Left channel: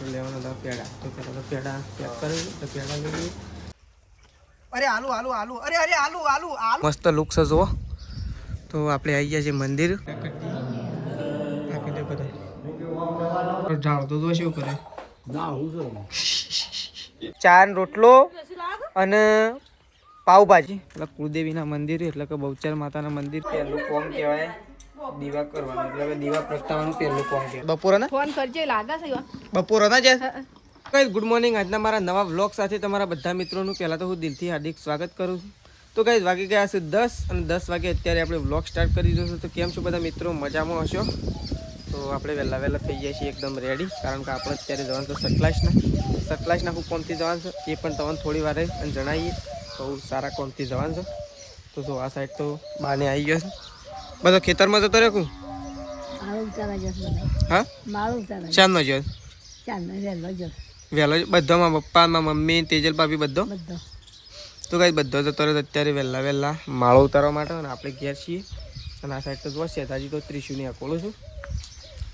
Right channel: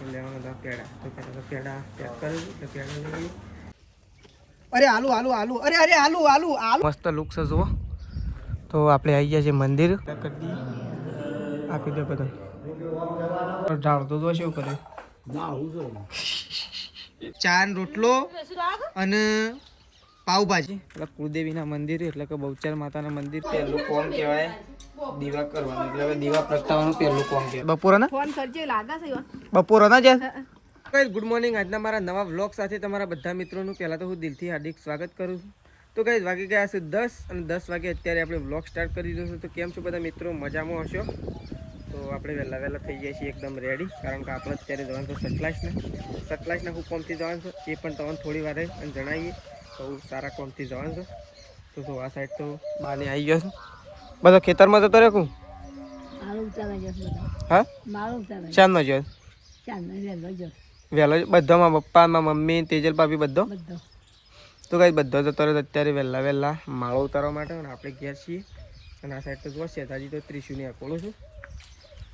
આપણે લેવાના હતા પેડા, તો પહેલાં તો પેડા પેક કરી તો પેડા લઈ લઈએ. અરે આલુ આલુ આલુ અરે અરે આલુ આલુ આલુ મસ્ત લુક છે જુઓ. તો આપણે આવી ગયા છીએ મંદિર. ઢાળ તો શું કરે, ચાર રોટલો અને પાવભાજી. એટલે કુળદેવીના મંદિર એટલે કે બહુચર માતાના મંદિર પહેલું કોમ કહેવાય દીવા કરવાનું, એટલે કે દીવા પ્રગટાવવાનું પહેલું કોમ કહેવાય. બપોરના ફોન કરજે લાગે છે બપોરના છે. Guys good morning. આજના મારા નવા વ્લોગ સાથે તમારા બધા મિત્રોનું પહેલાં તો હું દિલથી હાર્દિક સ્વાગત કરું છું. તો ગાઈઝ વાગી ગયા છે 10 અને 10 વાગે અત્યારે આપણે વ્લોગ સ્ટાર્ટ કરી દીધો છે. તો કેમ છો બધા મિત્રો, મજામાં હશો? તો આપણે વહેલા થઈ ગયા છીએ એકદમ રેડી, કારણ કે આપણે અત્યારે જવાનું છે સતલાસના હું કોમથી જવાનું છે એ પણ તમને થોડી વાર અને જણાવીએ. બહુ સારા કોમથી જવાનું છે. તો જો આ સાઈડ તો બાને આવી ગયો છે, બધો ખેતરમાં જતો રહ્યો. હા ચાંદનો જો વહેલો બધામાં પપ્પામાં મમ્મી તેજલ ભાભી બધો. તો કાંઈ બધો જતો રહ્યો અત્યારે વહેલા માળો ઉતારવા માટે. અને આપણે ઘેર છીએ અને આ સાઈડ તો જો શેતાજી તો ત્રિશુની અકોલો છું.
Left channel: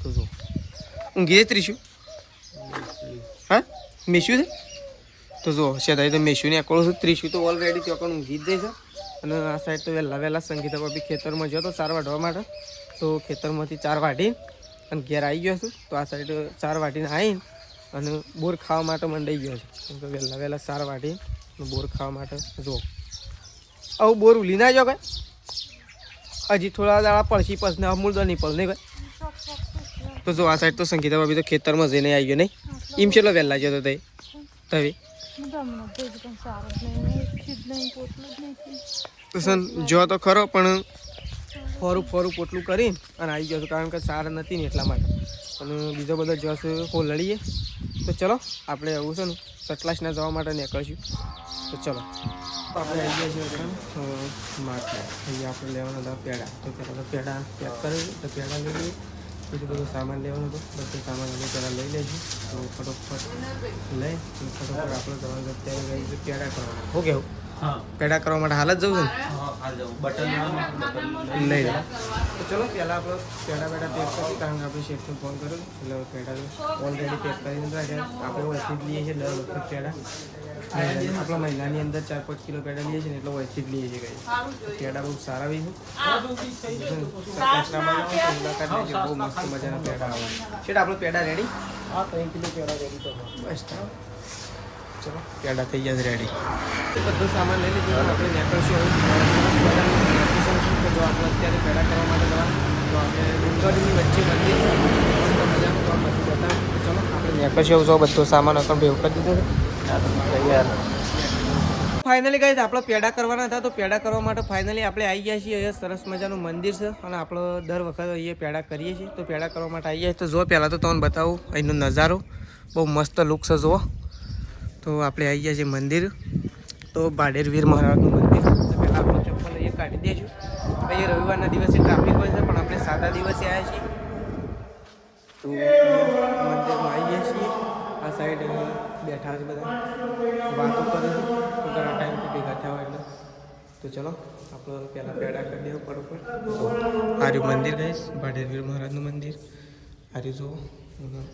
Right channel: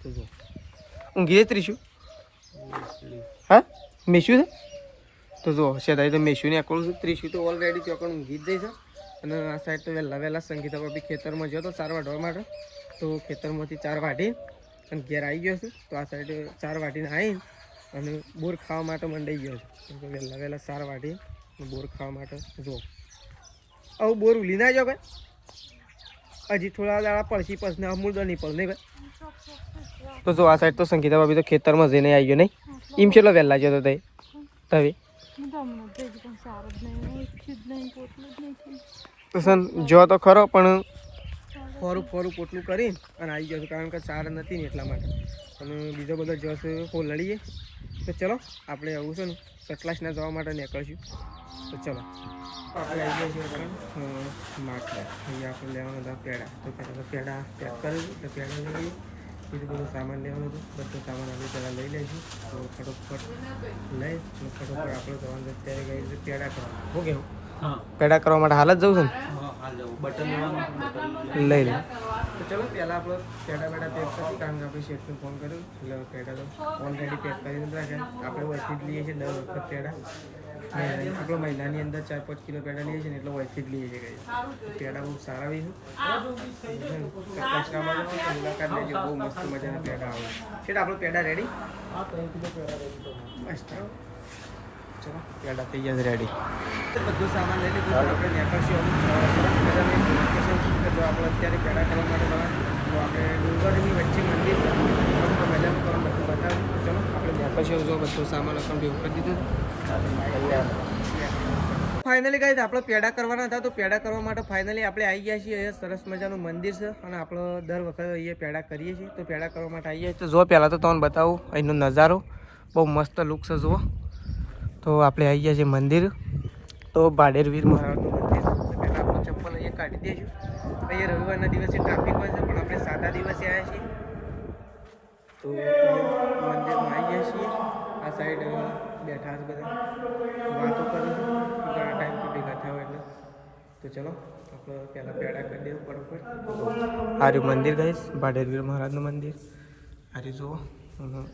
તો જો ઊંઘી જાય ત્રિશુ, હા મેશું છે. તો જો શેતાજી તો મેશુની અકોલો છું, ત્રિશુ તો ઓલરેડી ત્યાં ઊંઘી જ જાય છે. અને આ સાઈડ તો વહેલા સંગીતા ભાભી ખેતરમાં ગયો તો ચાર વાઢવા માટે. તો ખેતરમાંથી ચાર વાઢી અને ઘેર આવી ગયો છું. તો આ સાઈડ ચાર વાઢીને આવીને અને બોર ખાવા માટે મંડાઈ ગયો છે. કેમ કે વહેલા ચાર વાઢી બોર ખાવા માટે. જો આવું બોર ઉલી ના જાઓ ભાઈ, હજી થોડા દાડા પડશી પછી અમૂલ તો નહીં પડે નહીં ભાઈ. તો જો આ સાઈડ તો સંગીતા ભાભી તો ખેતરમાં જઈને આવી ગયો નહીં, એમ છેલ્લો વહેલા જતો તઈ તવે. તો સન જો તો ખરો પણ ફોરું પોટલું કરીને અને આવી ગયો છું, કારણ કે સાર નથી ને એટલા માટે. અને બીજો બધો જસ હો લડીએ. તો ચલો આપણે આવું છે ને સતલાસના જવા માટે નીકળશું. તો ચલો આપણે આવી ગયા છીએ માર્કેટ. અહીંયા આપણે લેવાના હતા પેડા, તો પહેલાં તો પેડા પેક કરી તો પેડા લઈ લઈએ. બીજું બધું સામાન લેવાનું હતું, બધું સામાન આપણે પહેલાં લઈ લઈશું. તો ફટોફટ લઈ ફટોફટ આપણે જવાનું અત્યારે ગઈ પેડા કરવાના. શું કહેવું? પેડા કરવા માટે હાલ જ જવું છે ને લઈ તો ચલો પહેલાં આપણે પેડા પેક કરીએ, કારણ કે આપણે શેઠને ફોન કર્યો એટલે પેડા ઓલરેડી પેક કરીને રાખ્યા. આપણે વયથી જ લઈએ છીએ દર વખત પેડા. આપણા મહિનાની અંદર 4-5 કિલો પેડા લઈએ છીએ ને એટલે વયથી જ લઈએ છીએ. પેડા બહુ સારા બી છે. મુલાકાત લેજો, બહુ મસ્ત મજાના પેડા આવે છે. આપણે પેડા રેડી? બસ ચલો પેડા થઈ ગયા રેડી. બધું સામાન લઈ લીધું. આપણે નીકળશું હવે સરસ મજાનું લોકેશન છે કે જો આપણે અત્યારે પેડા કરવા માટે જવાનું. તો આપણે ડુંગરની વચ્ચે મંદિર છે, મસ્ત મજાનું તો બધું બતાવ્યું. તો ચલો આપણે નીકળશું. જો બધો સામાન અકાઉન્ટ ભેગો કરી દીધો. ફાઇનલી ગાઈઝ આપણે પેડા કરવાના હતા. તો પેડા કરવા માટે ફાઇનલી આપણે આવી ગયા છીએ. અહીંયા સરસ મજાનું મંદિર છે અને આપણે દર વખત અહીંયા પેડા કરીએ છીએ. તો પેડા કરવા માટે આવી ગયા. તો જો પહેલાં તો તમને બતાવું અહીંનો નજારો, બહુ મસ્ત લુક છે જુઓ. તો આપણે આવી ગયા છીએ મંદિર, તો બાડેર વીર મહારાજનું મંદિર. તો પહેલાં આપણું ચપ્પલ અહીંયા કાઢી દઈશું. અહીંયા રવિવારના દિવસે ટ્રાફિક હોય છે, પણ આપણે સાદા દિવસે આવ્યા છીએ. તો મંદિરમાં આવી ગયા છીએ. આ સાઈડ બેઠા છે બધા, વાતો કરું છું ઘણા ટાઈમ તો ભેગા થયા હોય એટલે. તો ચલો આપણે પહેલાં પેડા કરી દેવું બરોબર. આર્યું મંદિર ગઈશ, બાડેર વીર મહારાજનું મંદિર. આર્યું જુઓ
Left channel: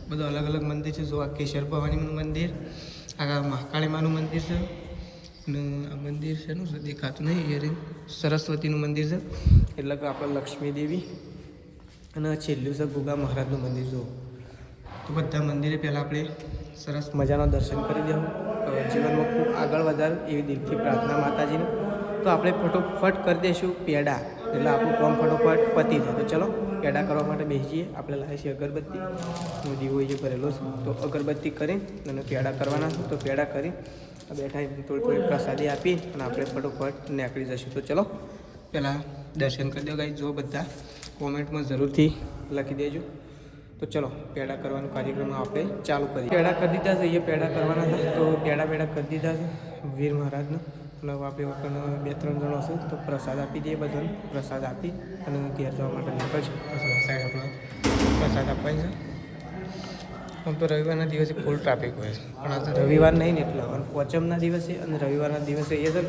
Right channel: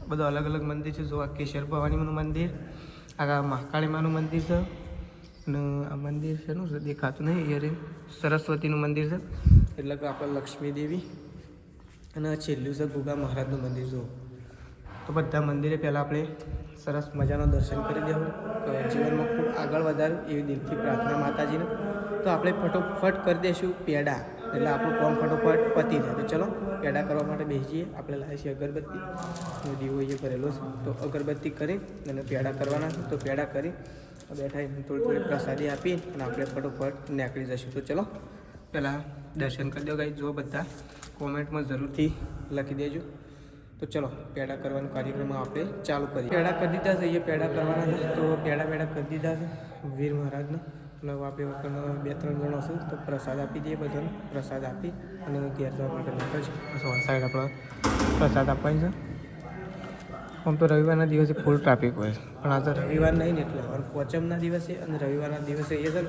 બધું અલગ અલગ મંદિર છે. જો આ કેશર ભવાનીનું મંદિર, આ મહાકાળીમાનું મંદિર છે. અને આ મંદિર છે એનું દેખાતું નહીં હિયરિંગ, સરસ્વતીનું મંદિર છે એટલે કે આપણે લક્ષ્મી દેવી. અને છેલ્લું છે ગુગા મહારાજનું મંદિર. જુઓ તો બધા મંદિરે પહેલાં આપણે સરસ મજાના દર્શન કરી દેવું, જીવનમાં ખૂબ આગળ વધારું એવી દિલથી પ્રાર્થના માતાજીને. તો આપણે ફટોફટ કરી દઈશું પેડા, એટલે આપણું કામ ફટોફટ પતી જાય. તો ચલો પેડા કરવા માટે બેસીએ. આપણે લાવીએ છીએ અગરબત્તી, દીવો એ ભરેલો છે. તો અગરબત્તી કરી અને પેડા કરવાના છે. તો પેડા કરી બેઠા થોડી પ્રસાદી આપી અને આપણે ફટોફટ નીકળી જઈશું. તો ચલો પહેલાં દર્શન કરી દો ગાઈ. જો બધા કોમેન્ટમાં જરૂરથી લખી દેજો. તો ચલો પેડા કરવાનો કાર્યક્રમ આપણે ચાલુ કરીએ. પેડા કરી દીધા છે, એ પેડા કરવાના હતા. તો પેડા કરી દીધા છે વીર મહારાજને. અને આપણે વખત 2-3 જણો હશું તો પ્રસાદ આપી દઈએ. બધાને પ્રસાદ આપી અને ઘેર જવા માટે નીકળશે. સાઈડ આપણે પ્રસાદ આપવાની છે. આમ તો રવિવારના દિવસે ફૂલ ટ્રાફિક હોય છે, પણ આ તો રવિવાર નહીં ને એટલે. અને પોચમના દિવસે અને રવિવારના દિવસે એ છે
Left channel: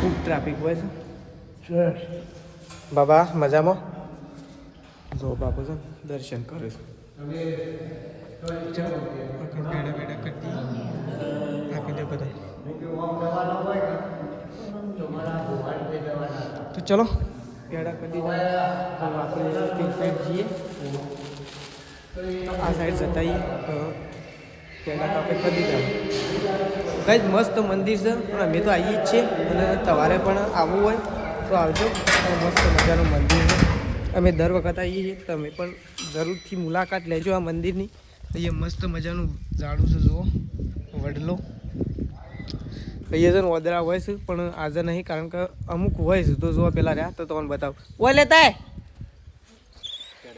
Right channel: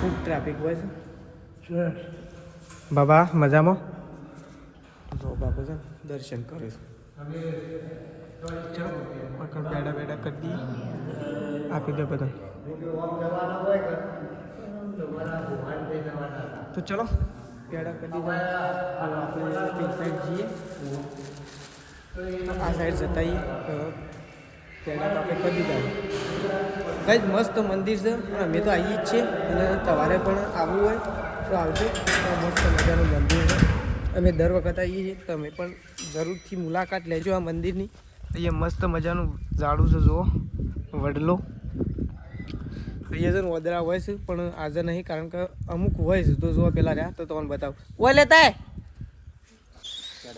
ખૂબ ટ્રાફિક હોય છે. બાબા મજામાં જો બાપુ છે દર્શન કરે છે. ચલો આગળ પેડા પેડા કરી દઈએ આપી દે બધું તો ચલો પેડા કરી દીધા હવે આપણે તે સાઈડ જઈએ તો આ સાઈડ જતાઈએ તો પેડા તો આપણે કરી દીધા કઈ મસ્ત મંદિર છે અને અમે તો આવીએ જ છીએ અને તમારે પણ આવવું હોય તો આવજો મસ્ત મજાનું મંદિર છે અમે દર વખત આવીએ છીએ તમે પણ જરૂરથી મુલાકાત લેજો આ મંદિરની અહીંયા મસ્ત મજાનું ઝાડું છે જુઓ વડલું અહીંયા છે ને ઓદરા હોય છે પણ આજે નહીં કારણ કે અમુક હોય છે તો જો પેલા રહ્યા તો તમને બતાવું ઓય લેતા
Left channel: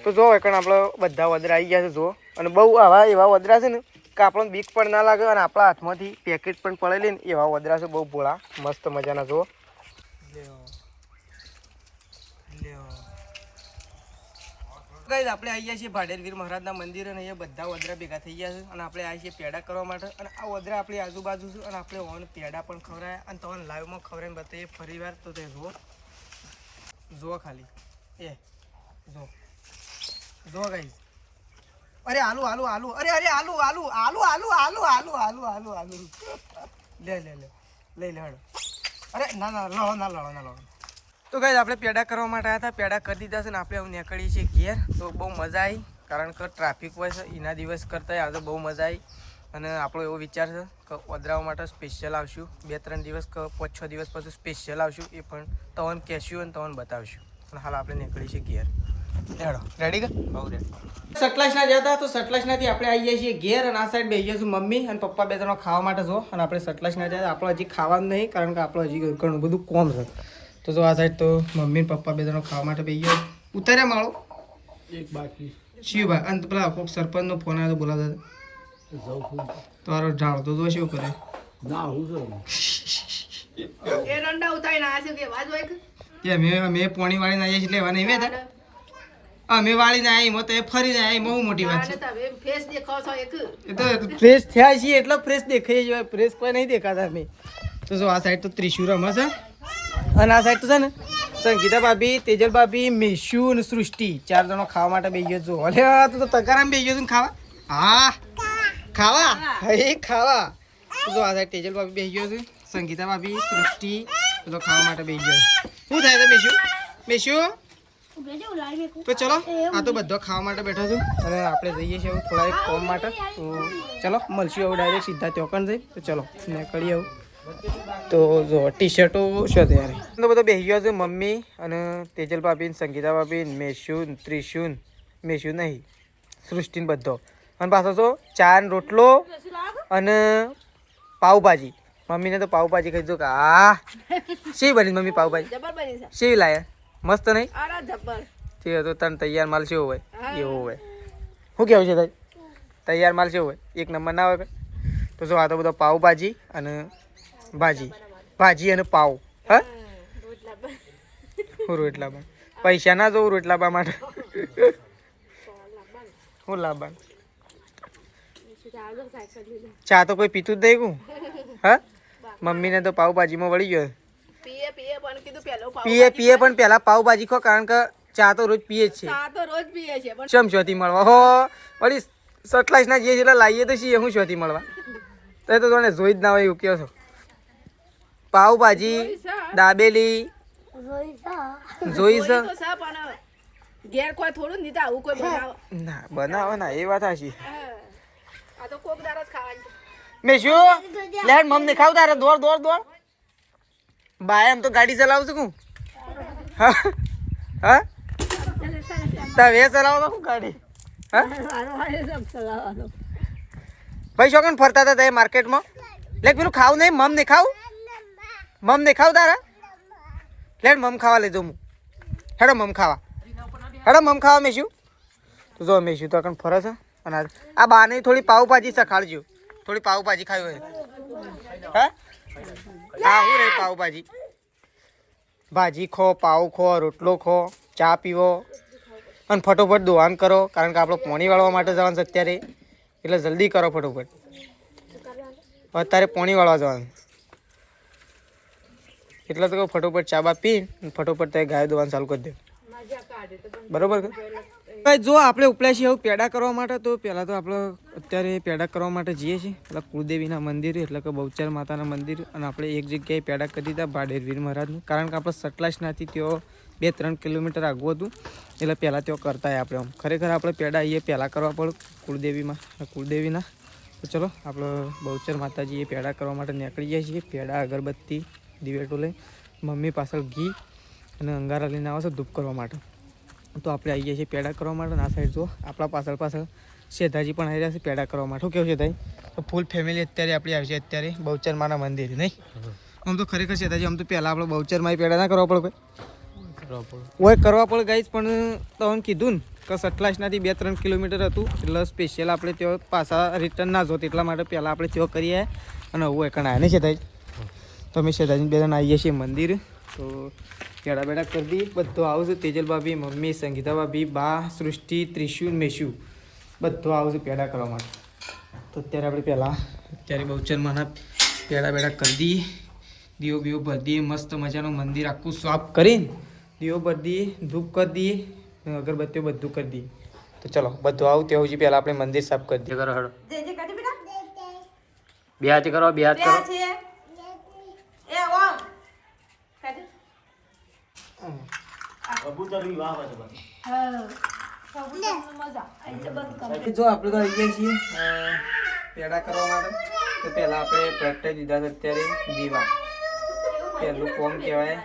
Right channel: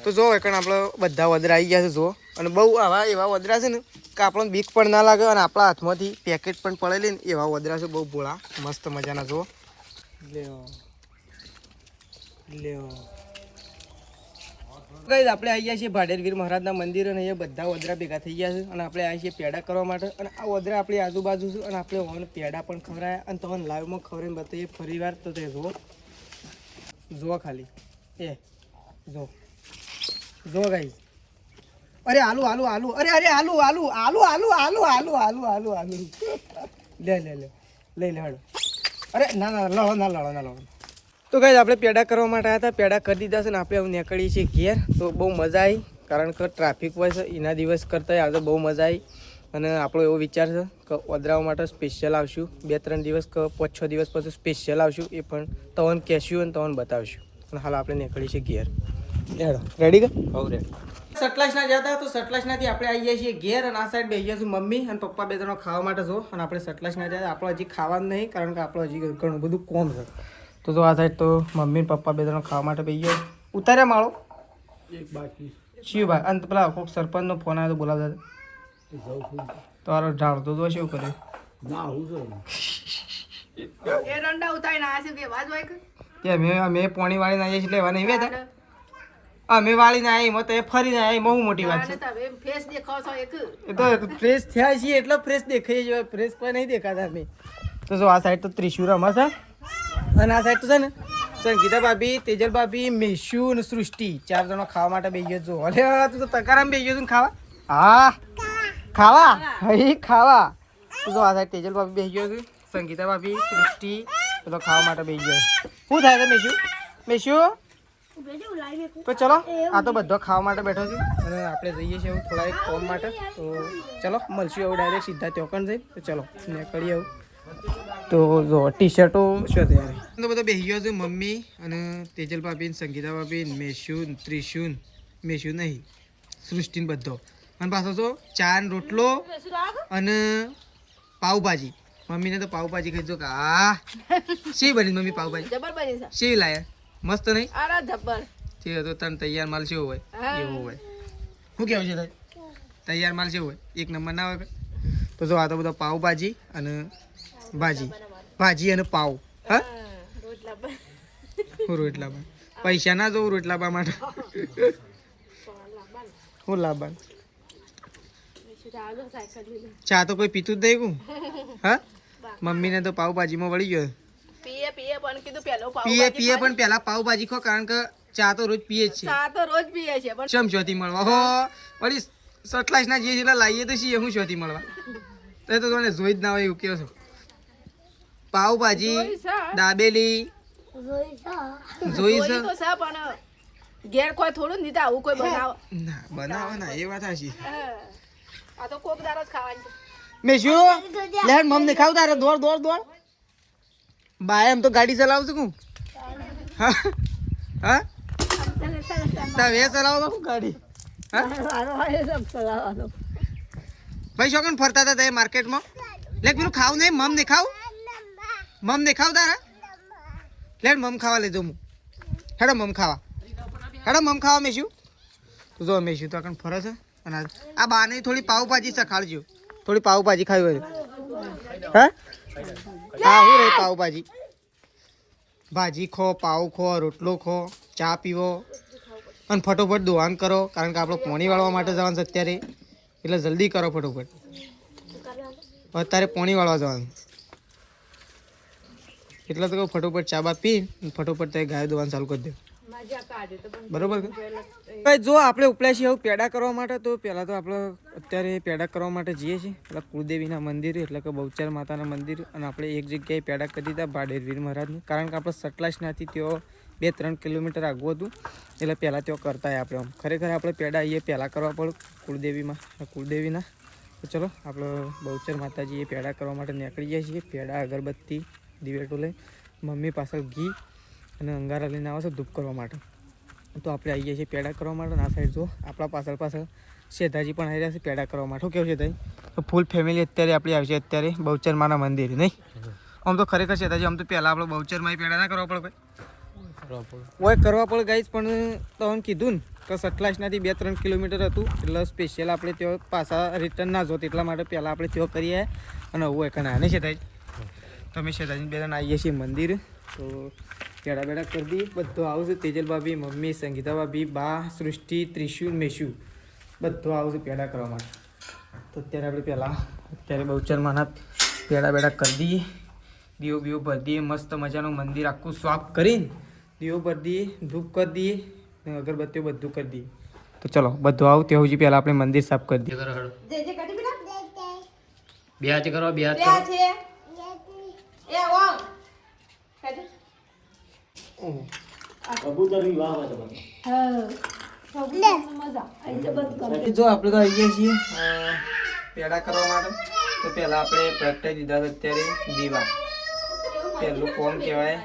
તો જો એકણ આપણે બધા વદરા આવી ગયા છે જુઓ અને બહુ આવા એવા વદરા છે ને કે આપણને બીક પણ ના લાગે અને આપણા હાથમાંથી પેકેટ પણ પડેલી ને એવા વદરા છે બહુ ભોળા મસ્ત મજાના જુઓ લેવો લેવો ગાઈઝ આપણે આવી ગયા છીએ ભાડેરવીર મહારાજના મંદિર અને એ બધા વદરા ભેગા થઈ ગયા છે અને આપણે આવ્યા છીએ પેડા કરવા માટે અને આ વદરા આપણી આજુબાજુ છે અને આપણે ઓન પેડા પણ ખવડાયા અને તમને લાઈવમાં ખવડાવીને બતાવીએ ફરી વાર તો તે જુઓ જુઓ ખાલી એ જો ગાઈઝ અરે આલુ આલુ આલુ અરે અરે આલુ આલુ આલુ આલુ આલુ આલુ આલુ આલુ આલુ લે લે લે લઈ લે હડો અરે ના ના લડો ના લડો ના લડો તો ગાઈઝ આપણે પેડા કરવા માટે આવ્યા હતા પેડા કરી દીધા છે ને આપણે હવે નીકળીએ છીએ ઘેર તો બહુ મજા આવી કારણ કે ટ્રાફિક હોય છે એના દિવસ કરતાં આજે બહુ મજા આવી અને આપણો એવો વિચાર છે કે ઓદરાઓ માટે સ્પેશિયલ આવશું 2-3 દિવસ કે 5-6 દિવસ પછી સ્પેશિયલ આવશું એ પણ તમને કહેશું અને તમને બતાવશું અને હાલ આપણે નીકળીએ છીએ ઘેર હેડો રેડી કે બહુ રેડી સટલાસના જતા તો સટલાસનાથી આપણે આવી જઈએ છીએ ઘેર અને આ સાઈડ બેસી જઈશું મમ્મી અને પપ્પા બે જણા ખાવા માટે જો અને આપણે સટલાસના જતા આપણે હજી ખાવાનું નહીં કારણ કે આપણે હજી ઘણું બધું કોમ છે તો જો આ સાઈડ તો મમ્મી ને પપ્પા બે જણા ખાવા માટે બેસી ગયો ઉતાર્યા માળો એક બાકી શિવભાઈ અને પેલા કોઈક સરપંચનો ફોન આવ્યો તો બોલાવતા તો આરો ઢાળ તો જો શું કરે ના હું એ રંડા ઉતારીને આ છે કે વાજ હોય કે તે અમે પોણી વાળીને આવીએ છીએ લેવા નહીં વેતા અમે વાળીને આવી એમાં તો એ ફરીને આવી બહુ મોટી વાત છે તમે ફેસ દેખાવ છો એક એ તો ફ્રેશ થયા છીએ એટલે ફ્રેશ દેખાઈએ છીએ ફ્રેશ કોઈ નહીં દેખાતા અમે તો જો આ સાઈડ તો ત્રિશુર રમે છે અને આ સાઈડ તો છે ને સંગીતા ભાભી તેજલ ભાભી મેશુ અને સૃષ્ટિ 4 જણો ખાવા માટે બેસી ગયો છો અરે તું તો તકારામ બેસી ગયો છું ને ખાવા હા ખાવા ખાવા તો જો આ સાઈડ તેજલ ભાભી બેસી ગયો છે સંગીતા ભાભી સૃષ્ટિ તો ખાવા માટે બેસી ગયો શું થાય છે મેશુ મેશુ તો ચલો આ તો બધો ખાવા માટે બેઠો છું અને આપણે જઈએ છીએ થોડા એક કોમ માટે તો ચલો મળશું હવે ડાયરેક્ટ સીધા ચોકણ જઈ તો ચલો નીકળીએ આવું તો જો ટી શર્ટો છે ત્યારે તો બધો બેસી ગયો છે મમ્મી અને તેજલ ભાભી સંગીતા ભાભી મેશુન ત્રિશુન મેશુ નહીં સૃષ્ટિન બધો અને પાછો તો ચા ને રોટલો અને પાવભાજી મમ્મીને તો પાવભાજી ખાઈ જો કે હા શી બની મમ્મી પાવભાજી જબર બની છે શી લાયા મસ્ત નહીં અરે જબર ઠીક છે તો તને તૈયાર માલ કેવો હોય એવો હોય શું કેવું છે તારે તૈયાર માલ કેવો હોય એક નંબર ના હોય તો જો આ તો બધો પાવભાજી અને ભાજી અને પાવ હા હું રોટલા બા પૈસા ના જોઉં રોટલા બા માટે હું લાવવાનું ચા તો કોઈ પીતું જ નહીં કું હા મમ્મીને તો પાવભાજીમાં વળી ગયો પીએ પણ કીધું પેલો પીએ પણ પહેલા પાવભાજી ખો કારણ કે ચા તો રોજ પીએ જ છે ચા તો રોજ પીએ છે પણ ચમચોથી મળવા હો વળી સટલાઈસના જે જેટલા લાવીએ તો છીએ હું શોથી મળવા તો તને જોઈ જ ના હોય એવું કહો છો પાવભાજી દાબેલી જોઈ છે તો છે પણ ઘેર કોઈ થોડું નહીં તો આવું કોઈ બનાવ ના બનાવે ના એ વાત હાચી આ તો કોક દારો જ ખાવાની છે મેં શું લેડ મમ્મી ખાવ તારે દોડ બાય એમ તો ગાડી ચલાવું છું હા હા તમે ચલાવો તો ગાડી હા ભાઈ શોકન ફરતા હતા તે માર્કેટમાં લેક પેલું ખાવ નહીં મમ નહીં ખાવ તારા લેડ મમ ખાવા લઈ જાઉં હેડો મમ ખાવા મેશું તો જો મેશું તો ફરે છે અને આ બાને થોડી પાવભાજી સખાડજો થોડી પાવભાજી ખાવી હોય હા હા હું રહી પાવભાજી ભાજી ખો પાવ ખો રોટલો ખો ચા પીવો અને ફટોફટ દોવાન કરો કારણ કે આપણે પોણી વાળવા માટે જવાનું છે અત્યારે એટલે જલ્દી કરો ફટોફટ અત્યારે પોણી વાળવા જવાનું એટલે તો કહું ફટોફટ ચા બા પી ફટોફટ તે ગાય દોવાનું ચાલુ કરી દે બરોબર કે ભાઈ જો આપણે ઉપલા છીએ એવું પેડા કરવા માટે તો પહેલાં તો આપણે અત્યારે પેડા કરવા માટે જઈએ છીએ પેલા કુળદેવીના મંદિર એટલે કે બહુચર માતાના મંદિર અને આપણે એક જગ્યાએ પેડા કરી દીધા ભાડેરવીર મહારાજનું કારણ કે આપણે સટલાસનાથી તેઓ 2-3 કિલોમીટર આગું હતું એટલે પહેલાં તેઓ કરતા આપણે આમ ખરેખર આપણે પેડા અહીંયા પહેલાં કરવા પડે કુળદેવીના તો ચલો આપણે બહુચર માતાજીએ પેડા કરવા માટે નીકળી જાય છીએ પેડા અગરબત્તી દિવેટો લઈ મમ્મી પાછળ ઘી અને અંગારા લઈને આવે છે ધૂપ કરવા માટે તો આપણે આવી ગયા છીએ પેડા કરવા માટે આ સાઈડ જો આપણા પાછળ શેઠાજી પણ આવી રહ્યા છે પેડા કરવા માટે શું કેવું શેઠાજી ફૂલ ફેમિલી અત્યારે આપણી આવી છે અત્યારે બહુચર માના મંદિરે નહીં આમ તો ખરેખર શેઠાજી આમ તો પહેલાં આપણે બહુચરમાં પેડા ના કરવા પડે કોઈ કરવા પડે ગાઈશ પણ તમને કીધું ને કે સટલાસનાથી 2-3 કિલોમીટર હતું એટલે સ્પેશિયલ આપણે ત્યાં પાછા રિટર્ન ના જોત એટલા માટે પહેલાં આપણે ત્યાં કરીએ અને હું એકણ આવ્યા નહીં શેઠાજી તો અમે શેઠાજી બે જણ આવીએ છીએ મંદિર તો પેડા બેડા કરી દઈએ બધું આવશે તેજલ ભાભી મમ્મી સંગીતા ભાભી બા સૃષ્ટિ ત્રિશુલ મેશુ બધું આવશે પેડા કરવા માટે તો અત્યારે બહુચરમાંના પેડા બેડા કરી દઈએ દીવો બીવો ભરી દઈએ મસ્ત મજાનું મંદિર આખું સાફ કરીને દીવો ભરી દઈએ ધૂપ કરી દઈએ અગરબત્તીઓ બધું કરી દઈએ તો ચલો બધું આવું તે સુધી પહેલાં આપણે મંદિર સાફ કરી દઈએ કરો હળો બે હાથ કરો બે હાથ કરો જો આપણે તો આવી ગયા છીએ પેડા કરવા માટે તો પહેલાં આપણે પ્રગટાઈ દીધા છે અત્યારે દીવા પહેલું કોમ કહેવાય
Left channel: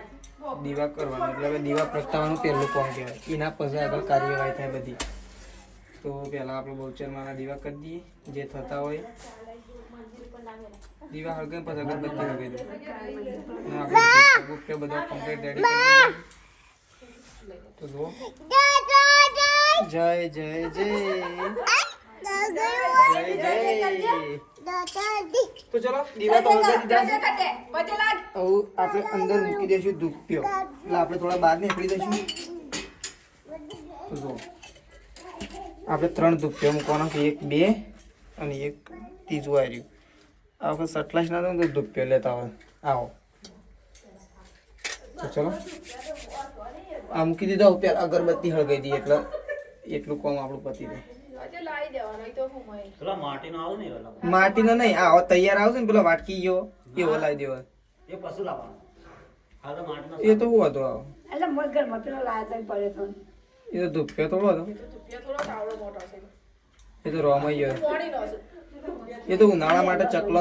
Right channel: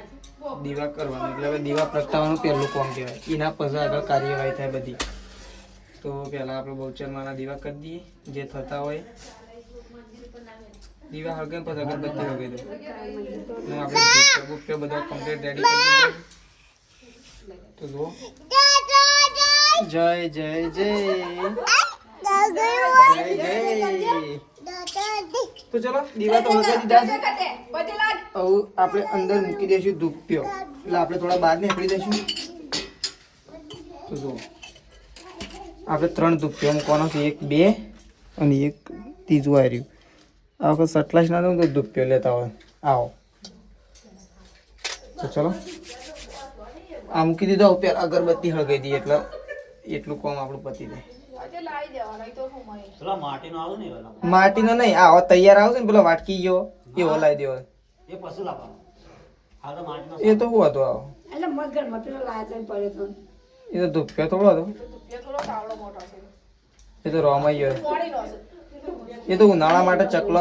દીવા કરવાનું એટલે હવે દીવા પ્રગટાવવાનું પહેલું કોમ કહેવાય એના પછી આગળ કાર્યવાહી થાય બધી તો પહેલાં આપણે બહુચરમાંના દીવા કરી દઈએ જે થતા હોય દીવા હળગે પછી અગરબત્તી હળગે દો અને આપણે બુક બધા કમ્પ્લીટ રેડી કરી દીધા તો જુઓ જય જય જય તો ચલો દીવા તો હળગાવી દીધા છે હવે આપણે અંદર મૂકી દઈશું ધૂપ્યો એટલે આપણે થોડા બહાર નીકળી દઈશું તો જુઓ આપણે 3 ધૂપ્યો મૂકવાનો છે 1 2 અને એક ત્રીજું આવ્યું આ વખત સટલાસ ના તો ધૂપ્યો લેતા હોય આવો તો ચલો આ મૂકી દીધો ઉપર અગરબત્તી હળગાઈ દઈએ એટલે એટલું કામ આપણું પતી જાય માટીનો નહીં આવો તૈયાર આવશે ને પેલો વાટકી ગયો એવો લાવી દેવો એ તો બહુ હતો આવો એ તો ધૂપ્યો થોડો હતો એ તો રોમાઈ ગયો એ તો ઉનાળા માટે ચકલો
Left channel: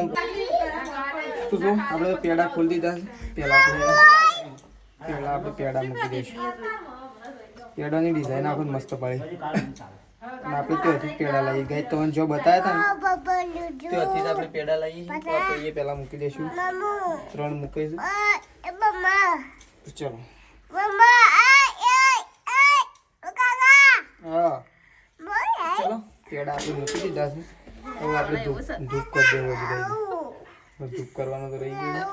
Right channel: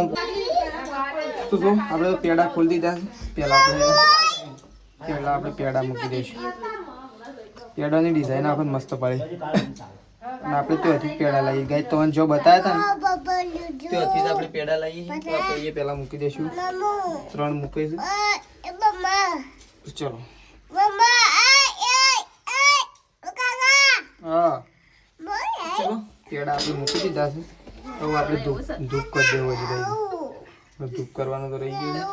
તો જો આપણે પેડા ખોલી દીધા પહેલા આપણે પેડા મૂકી દઈશું પેડાની ડિઝાઇન આપણે મસ્ત પડે અને આપણે ત્યાંથી પેડા લઈએ ગાય તમને જો બતાવ્યા હતા ને ત્યાંથી જ આપણે પેડા લઈએ તો આપણે એ પહેલાં મૂકી દઈશું 3 મૂકીશું ચલો હા ચલો પેડા આપણે મૂકી દીધા છે હવે આપણે ધૂપ કરી દેવો છે ભાઈ ધૂપ કરવાનું તો રહી ગયું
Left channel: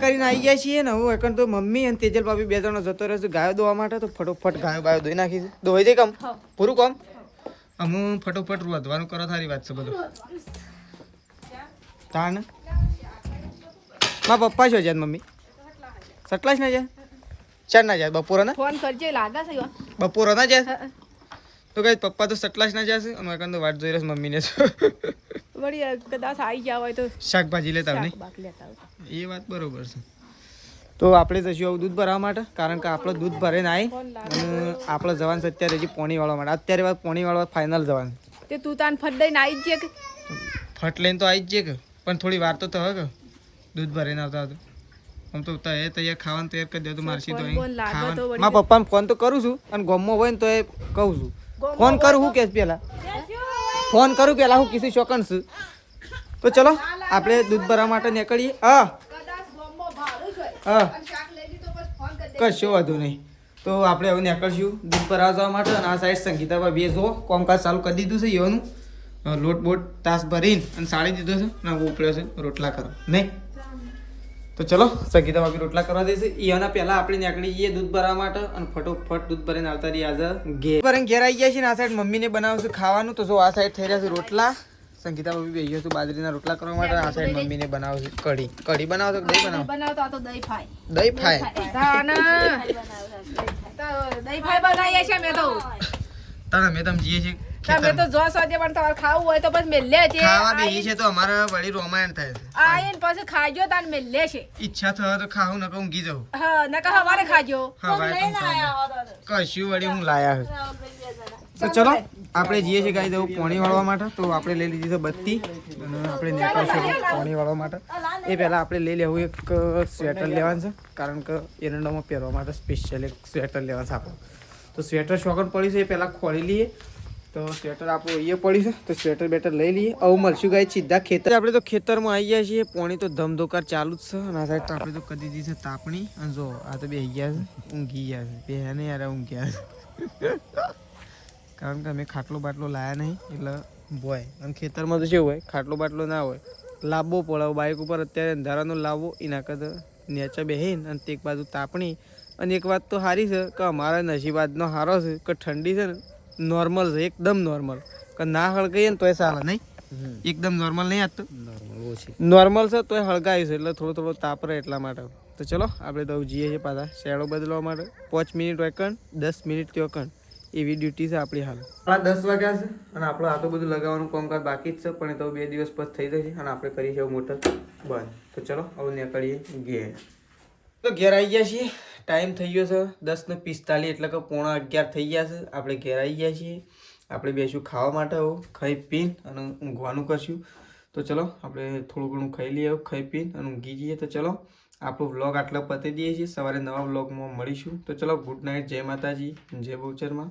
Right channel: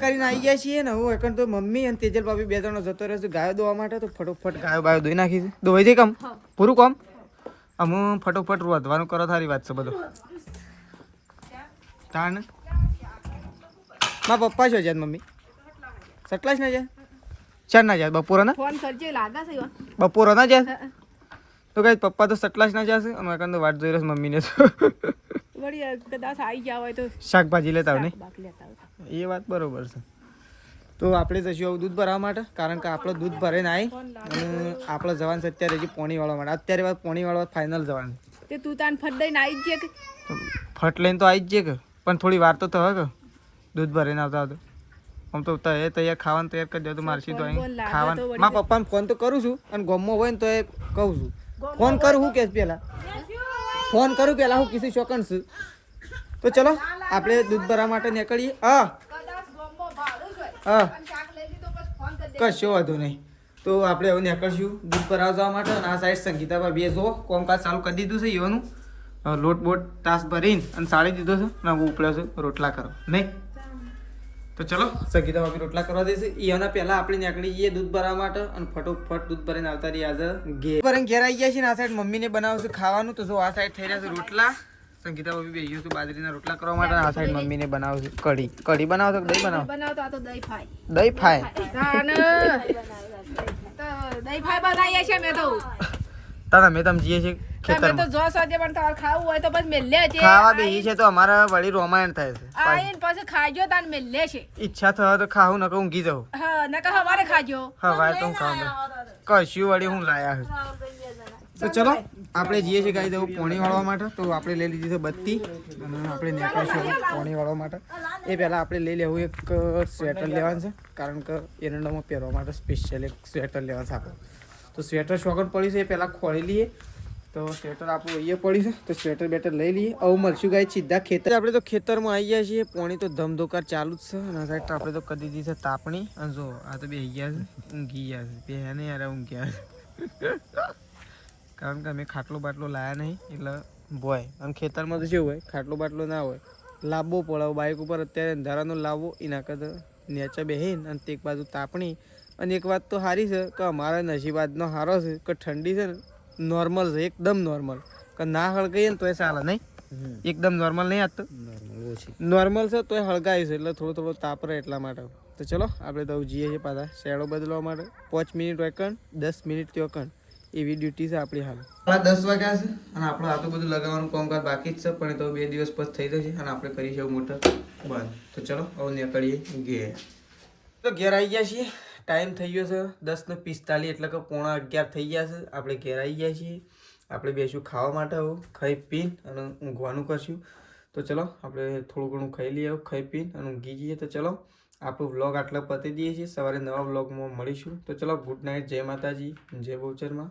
કરીને આવી ગયા છીએ ને હું એકણ તો મમ્મી અને તેજલ ભાભી બે જણો જતો રહેશે ગાયો દોવા માટે તો ફટોફટ ગાયો ધોઈ નાખી છે ધોઈ દે કામ પૂરું કામ હું ફટોફટ વધવાનું કરો તારી વાત છે બધું તાન મારા પપ્પા છો જાય મમ્મી સટલાસ ના જાય ચાર ના જાય બપોરે ના ફોન કરજે લાગે છે બપોરે ના જાય તો કઈ પપ્પા તો સટલાસ ના જશે અમે એકણ તો વાટ જોઈ રહ્યો મમ્મીને વળી કદાચ આવી ગયા હોય તો શાકભાજી લેતા હોય એ વાત બરોબર છે તો આપણે જશું આવું દૂધ ભરવા માટે કારણ કે આપણે દૂધ ભરીને આવી અને આપણે જવાનું છે અત્યારે હજી પોણી વાળવા માટે અત્યારે વાત પોણી વાળવા ફાઇનલ જવાનું તે તું તાન ફટ દઈને આવી જ કે ફટ લઈને તો આવી જ કે પણ થોડી વાર તો થયો કે દૂધ ભરીને આવતા હતો આમ તો એ તૈયાર ખાવાનું તૈયાર કરી દે તો મારસી તો અહીં ખાવાનું મારા પપ્પાને ફોન તો કરું છું અને ગામમાં હોય ને તો એ કહું છું ફોન કરું હું કે પહેલાં ફોન કરું પહેલાં હું કિસી શોકન છું તો ચલો આપણે દૂધ ભરવા માટે નીકળીએ હા કશો વાંધો નહીં તો આપણે હવે નીકળશું દૂધ ભરાવા જવા માટે અને આ સાઈડ સંગીતા ભાભીએ જો કોમકાજ ચાલુ કરી દીધું છે એવાનું લોટ બોટ તાસ ભરીને અને સાળી દીધો છે ને ઉપડ્યો છે રોટલા કરો નહીં તો ચલો સંગીતા ભાભી રોટલા કરવા દેશે એના પહેલાં આપણે નીકળી જઈએ દૂધ ભરવા માટે અને ફટોફટ દૂધ ભરીને આવતા રહીએ આજે ઘેર ભરીને ઘેર આવી ગયા છે ને આ સાઈડ મમ્મીને બનાવશે ખાવાનું તો જો આ સાઈડ થઈ રહ્યા છે રોટલા સંગીતા બબી બેહી ગયો છું બાજરીના રોટલા કરવા માટે અને આ સાઈડ મમ્મીને બનાવું છું કઢી. કઢી બનાવો તો દહીં બનાવો? બનાવતો આ તો દહીં ફાય. દહીં ફાય. તાને તો દહીં ફાય બનાવીએ છે મેં તો. તારા મેં તમે જઈએ છીએ તમે તો જો સોજે પણ તમારે ખાવું હોય તો પછી મેલે છે. ખાવા બેહી છે તો અમારા વળી રોમાયણ થાય છે. આઈને પછી ખાજો તાન મેલે છે. ઈચ્છા થવા તો ખાવું નકર ઊંઘી જાઉં. હા નકા હવારે ખાજો. હવે તો હું ખાઉં. કશું વળી હું લાયા છે. તો ચલો આપણે જઈએ છીએ ગાઈ જવું પોણી વાળવા માટે. તો આપણે લઈ લીધી છે બત્તી અને આપણે નીકળીશું પોણી વાળવા માટે. એ પહેલાં આપણે લઈ લેવું એક સ્વેટર લેવાનું છે, કારણ કે એરંડામાં પહેરવા માટે સ્પેશિયલ એક સ્વેટર લેવાનું છે આપણે. તો સ્વેટર શોખન પડ્યું છે એ પહેલાં ખોલી લઈએ. તો સ્વેટર આપણું અહીંયા પડ્યું છે તો સ્વેટર બેટર લઈ લઈએ. આવું મળશું ગાઈ સીધા ખેતર. આપણે તો ખેતરમાં આવી ગયા છીએ. પોણી તો ધમધોકાર ચાલુ જ છે અને આ સાઈડ તો આપણે તો કરી દીધી છે તાપણી. અને જો આ તો બેસી ગયા છે, ઊંઘી ગયા છે. બે ને યાર ઊંઘ્યા છે કારણ કે અમે ખાટલો બાટલો લાયા નહીં એટલે ભોય. અને ખેતરમાં તો કેવું હોય, ખાટલો બાટલો ના હોય, લાવવો પડે. બાઇક ઉપર અત્યારે અંધારાનો લાવવો એના કરતાં નેચા બેહીને અને એક બાજુ તાપણી. અને એક વાત તો સારી છે કે અમારા નસીબ આજનો સારો છે કે ઠંડી છે ને નોર્મલ છે, એકદમ નોર્મલ. કે ના હળગાઈએ ને તોય ચાલે નહીં, એકદમ નોર્મલ નહીં. આજ તો નોર્મલ છે તોય હળગાયું છે એટલે થોડો થોડો તાપ રહે એટલા માટે. તો ચલો આપણે તો જઈએ છીએ પાછા શેડો બદલવા માટે. 5 મિનિટ વેકન, 10 મિનિટ ત્યોકન, એવી ડ્યુટી છે આપણી હાલ. આપણા 10 વાગ્યા છે અને આપણે આ તો બધું લગાવવાનું કામકાજ બાકી જ છે, પણ એ તો 2 દિવસ પછી થઈ જશે અને આપણે કરીશું મોટર બંધ. તો ચલો હવે નીકળીએ ઘેર. તો ઘેર આવી ગયા છીએ. ટાઈમ થઈ ગયો છે 10:45 એટલે કે 11:15 થઈ ગયા છે. આપણે ઘેર આવી ગયા છીએ. આપણે બેસું ખાવા માટે. આવું ખાઈ પીને અને ઊંઘવાનું કરશું. તો ચલો આપણે થોડું ઘણું ખાઈ લઈએ, ખાઈ પીને અને ઊંઘી જઈએ. તો ચલો આપણો વ્લોગ આટલા પતી દઈએ છીએ. સવારે નવા વ્લોગમાં મળીશું. તો ચલો ગુડ નાઇટ, જય માતાજી, જય બહુચરમાં.